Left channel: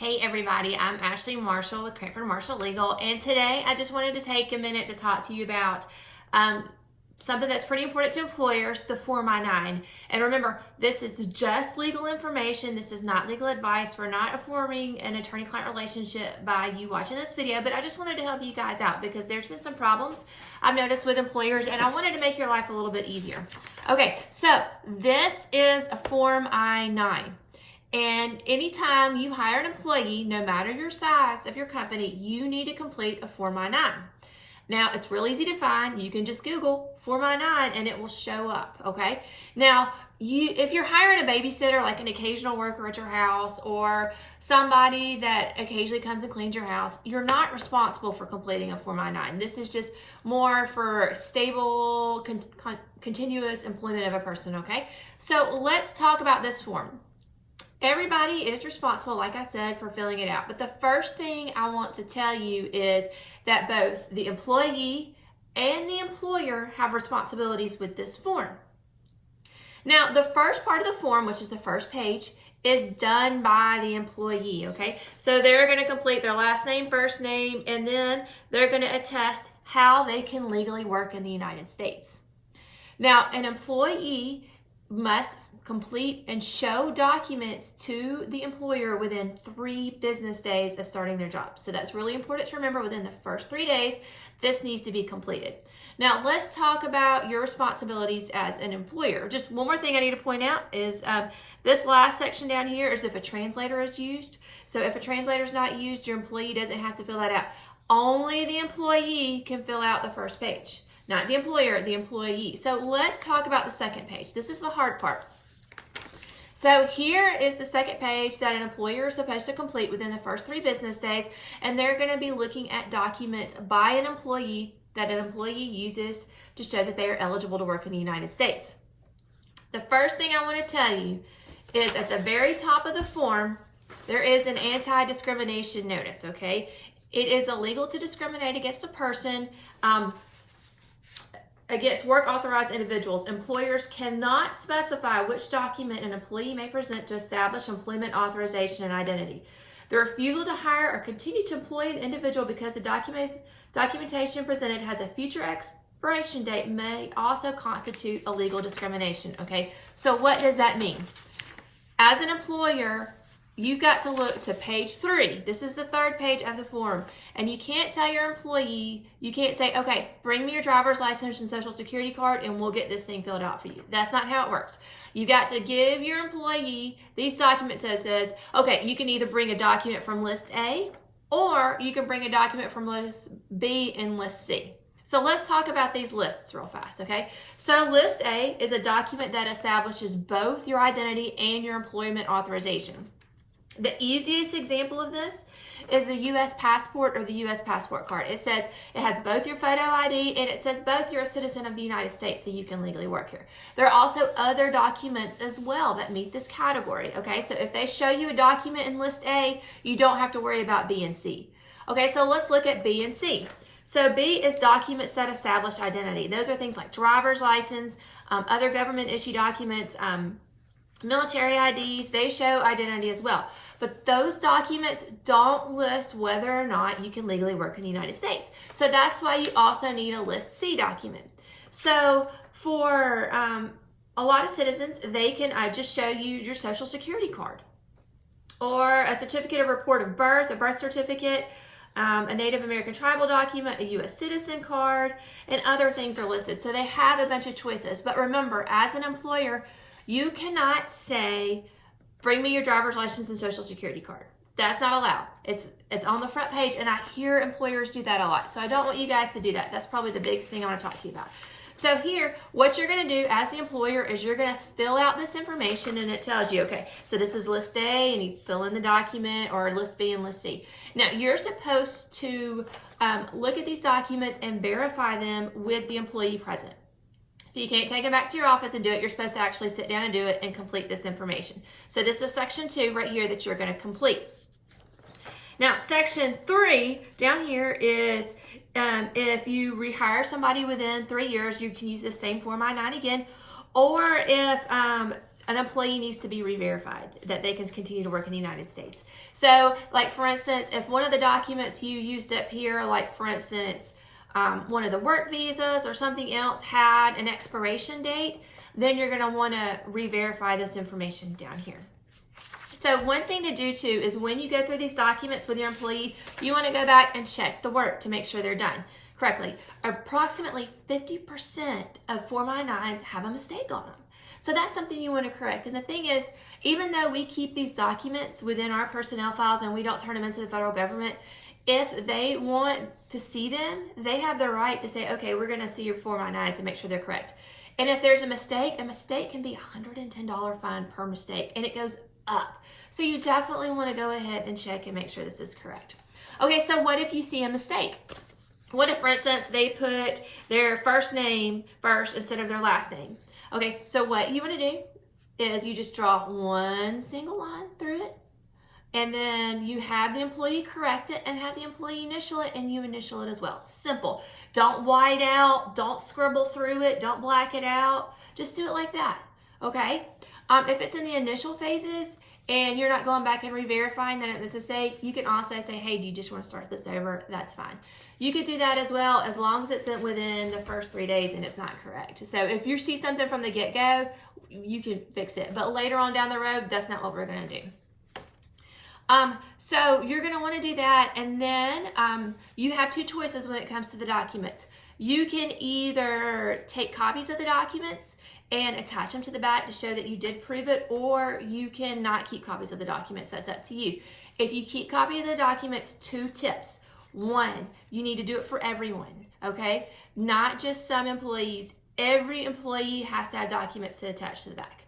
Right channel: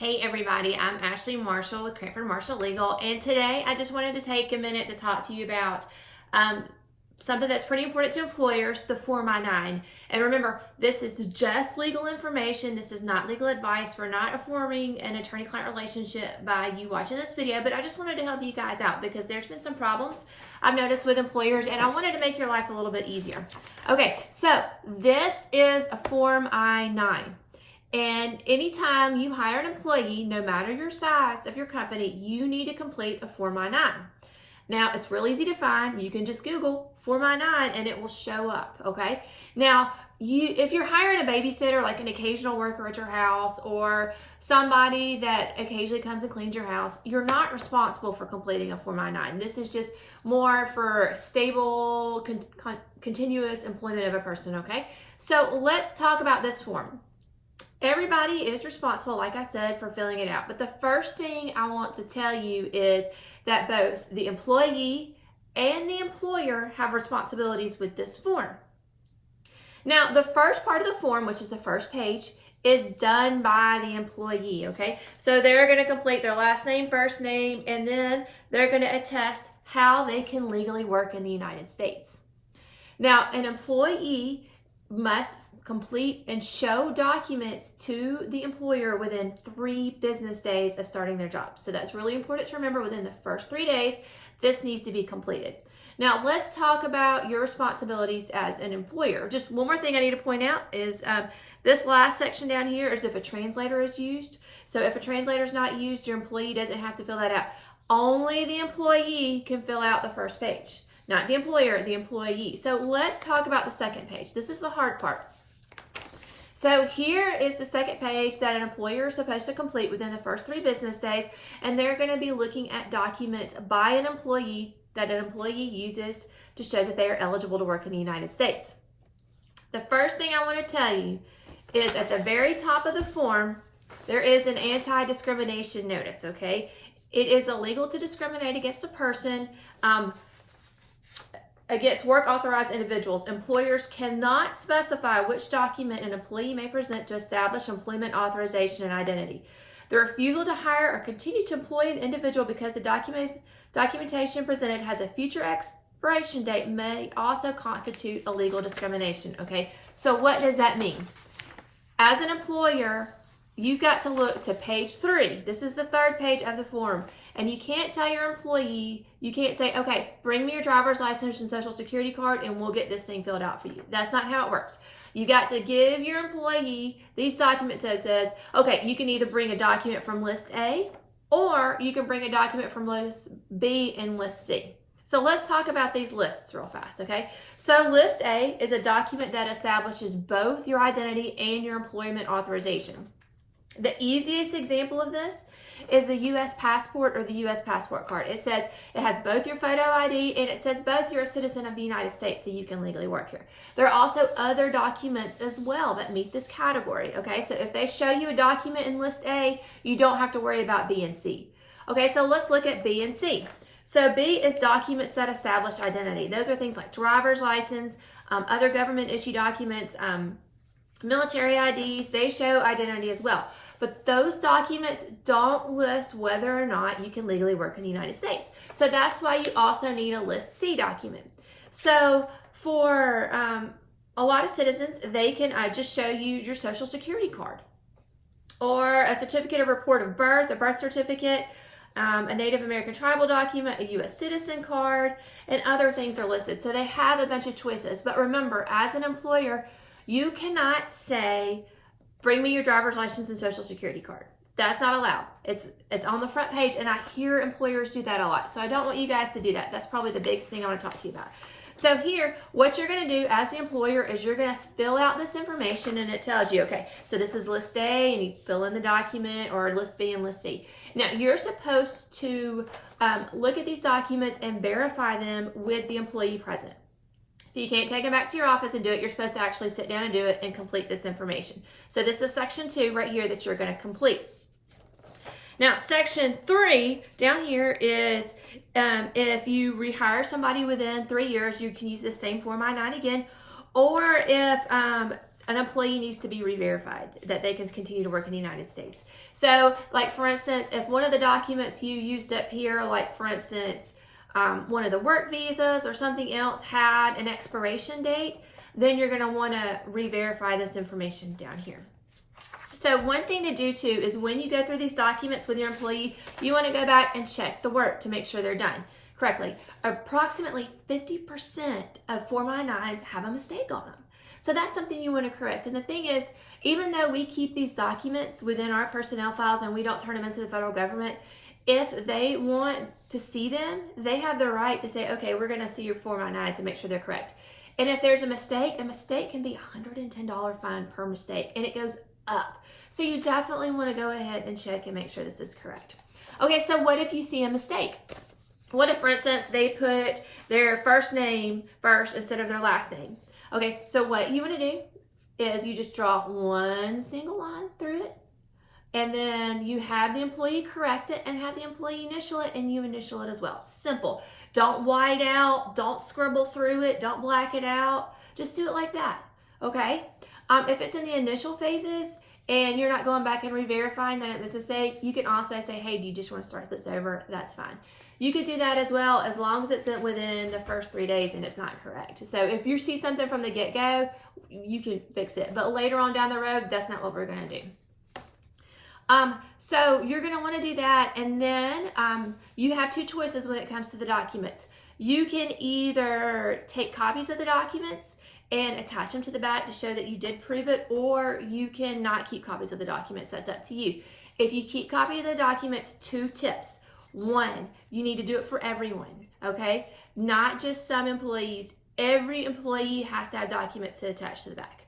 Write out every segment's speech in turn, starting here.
Hey everybody, I'm Ashley Marshall with Cranford Marshall Legal, and today I just wanted to take a minute to talk to you about something that's pretty important to employers, the Form I-9. And remember, this is just legal information. This is not legal advice. We're not forming an attorney-client relationship by you watching this video, but I just wanted to help you guys out because there's been some problems I've noticed with employers, and I wanted to make your life a little bit easier. Okay, so this is a Form I-9. And anytime you hire an employee, no matter your size of your company, you need to complete a Form I-9. Now, it's real easy to find. You can just Google Form I-9 and it will show up, okay? Now, if you're hiring a babysitter, like an occasional worker at your house or somebody that occasionally comes and cleans your house, you're not responsible for completing a Form I-9. This is just more for stable, continuous employment of a person, okay? So let's talk about this form. Everybody is responsible, like I said, for filling it out. But the first thing I want to tell you is that both the employee and the employer have responsibilities with this form. Now, the first part of the form, which is the first page, is done by the employee, okay? So they're going to complete their last name, first name, and then they're going to attest how they can legally work in the United States. Now, an employee must complete and show documents to the employer within 3 business days of starting their job. So that's really important to remember. Within the first 3 days, this needs to be completed. Now, let's talk about your responsibilities as an employer. Just one more thing I need to point out is this last section down here is if a translator is used. So if a translator is not used, your employee doesn't have to fill that out. Only the employee can fill out the first page. Not the employer, the employee. So let's talk about the second page. This is the hard part. So here is the second page that an employer is supposed to complete within the first 3 business days, and they're going to be looking at documents by an employee that an employee uses to show that they are eligible to work in the United States. The first thing I want to tell you is at the very top of the form, there is an Anti-Discrimination Notice, okay? It is illegal to discriminate against a person, against work authorized individuals. Employers cannot specify which document an employee may present to establish employment authorization and identity. The refusal to hire or continue to employ an individual because the documentation presented has a future expiration date may also constitute illegal discrimination, okay? So what does that mean? As an employer, you've got to look to page 3. This is the 3rd page of the form. And you can't tell your employee, you can't say, okay, bring me your driver's license and social security card and we'll get this thing filled out for you. That's not how it works. You got to give your employee these documents that says, okay, you can either bring a document from list A or you can bring a document from list B and list C. So let's talk about these lists real fast, okay? So list A is a document that establishes both your identity and your employment authorization. The easiest example of this is the U.S. passport or the U.S. passport card. It says it has both your photo ID and it says both you're a citizen of the United States so you can legally work here. There are also other documents as well that meet this category, okay? So if they show you a document in list A, you don't have to worry about B and C. Okay, so let's look at B and C. So B is documents that establish identity. Those are things like driver's license, other government issue documents, military IDs, they show identity as well. But those documents don't list whether or not you can legally work in the United States. So that's why you also need a List C document. So for a lot of citizens, they can just show you your social security card or a certificate of report of birth, a birth certificate, a Native American tribal document, a U.S. citizen card, and other things are listed. So they have a bunch of choices. But remember, as an employer, you cannot say, bring me your driver's license and social security card. That's not allowed. It's on the front page, and I hear employers do that a lot. So I don't want you guys to do that. That's probably the biggest thing I want to talk to you about. So here, what you're going to do as the employer is you're going to fill out this information, and it tells you, okay, so this is list A, and you fill in the document, or list B and list C. Now, you're supposed to look at these documents and verify them with the employee present. So you can't take them back to your office and do it. You're supposed to actually sit down and do it and complete this information. So this is section 2 right here that you're going to complete. Now, section 3 down here is if you rehire somebody within 3 years, you can use the same Form I-9 again. Or if an employee needs to be re-verified that they can continue to work in the United States. So, like for instance, if one of the documents you used up here, like for instance, one of the work visas or something else had an expiration date, then you're going to want to re-verify this information down here. So one thing to do too is when you go through these documents with your employee, you want to go back and check the work to make sure they're done correctly. Approximately 50% of Form I-9s have a mistake on them. So that's something you want to correct. And the thing is, even though we keep these documents within our personnel files and we don't turn them into the federal government, if they want to see them, they have the right to say, okay, we're going to see your Form I-9s and make sure they're correct. And if there's a mistake can be a $110 fine per mistake, and it goes up. So you definitely want to go ahead and check and make sure this is correct. Okay, so what if you see a mistake? What if, for instance, they put their first name first instead of their last name? Okay, so what you want to do is you just draw one single line through it, and then you have the employee correct it and have the employee initial it, and you initial it as well. Simple. Don't white out, don't scribble through it, don't black it out. Just do it like that, okay? If it's in the initial phases and you're not going back and re-verifying that it was a mistake, you can also say, hey, do you just want to start this over? That's fine. You could do that as well, as long as it's within the first 3 days and it's not correct. So if you see something from the get-go, you can fix it. But later on down the road, that's not what we're going to do. So you're going to want to do that, and then you have two choices when it comes to the documents. You can either take copies of the documents and attach them to the back to show that you did prove it, or you can not keep copies of the documents. That's up to you. If you keep copy of the documents, 2 tips. 1, you need to do it for everyone, okay? Not just some employees. Every employee has to have documents to attach to the back.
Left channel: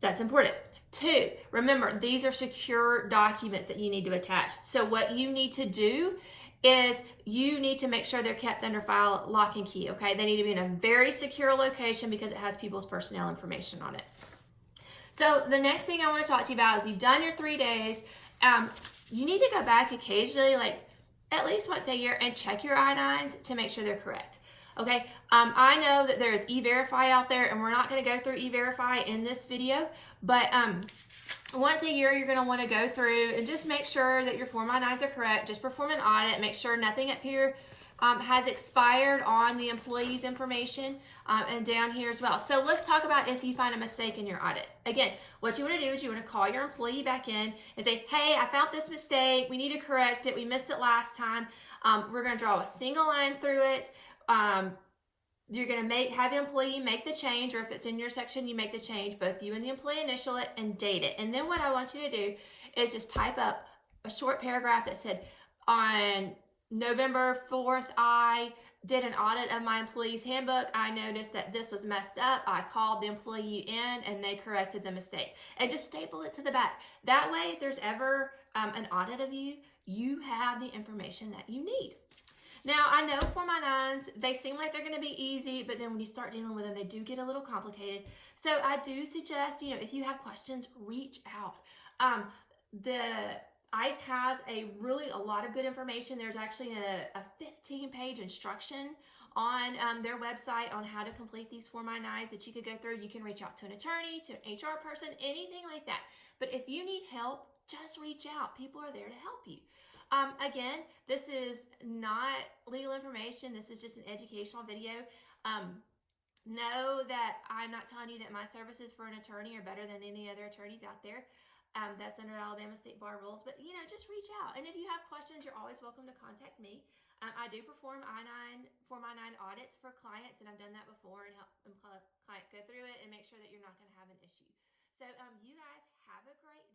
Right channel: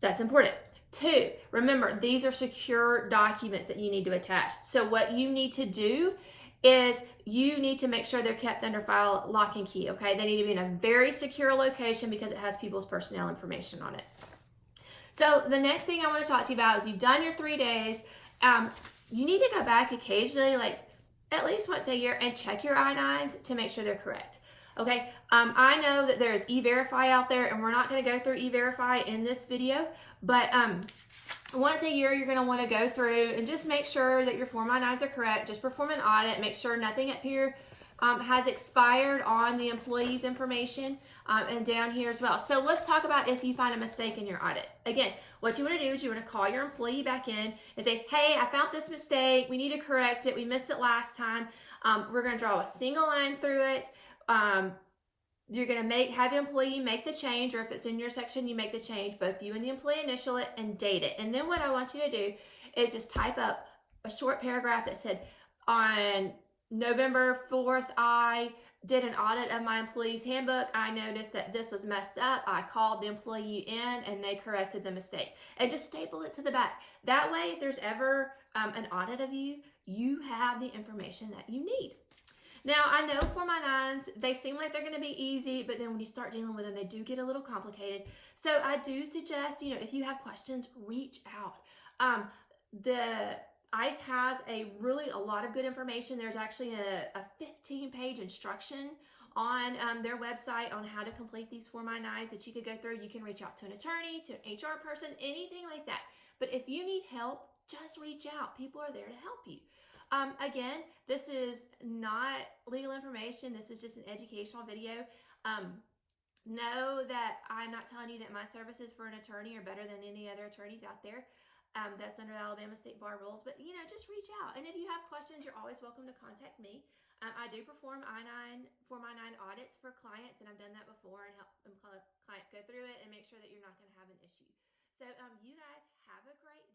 That's important. 2, remember, these are secure documents that you need to attach. So what you need to do is you need to make sure they're kept under file lock and key, okay? They need to be in a very secure location because it has people's personnel information on it. So the next thing I want to talk to you about is you've done your 3 days. You need to go back occasionally, like at least once a year, and check your I-9s to make sure they're correct. Okay, I know that there is E-Verify out there, and we're not going to go through E-Verify in this video, but once a year you're going to want to go through and just make sure that your Form I-9s are correct. Just perform an audit, make sure nothing up here has expired on the employee's information, and down here as well. So let's talk about if you find a mistake in your audit. Again, what you want to do is you want to call your employee back in and say, hey, I found this mistake. We need to correct it. We missed it last time. We're going to draw a single line through it. You're going to have the employee make the change, or if it's in your section, you make the change. Both you and the employee initial it and date it. And then what I want you to do is just type up a short paragraph that said, on November 4th, I did an audit of my employee's handbook. I noticed that this was messed up. I called the employee in and they corrected the mistake. And just staple it to the back. That way, if there's ever an audit of you, you have the information that you need. Now, I know Form I-9s, they seem like they're going to be easy, but then when you start dealing with them, they do get a little complicated. So I do suggest, if you have questions, reach out. The ICE has a lot of good information. There's actually a 15-page instruction on their website on how to complete these Form I-9s that you could go through. You can reach out to an attorney, to an HR person, anything like that. But if you need help, just reach out. People are there to help you. Again, this is not legal information. This is just an educational video. Know that I'm not telling you that my services for an attorney are better than any other attorneys out there. That's under Alabama State Bar rules. But, just reach out. And if you have questions, you're always welcome to contact me. I do perform Form I-9 audits for clients, and I've done that before and help clients go through it and make sure that you're not going to have an issue. So you guys have a great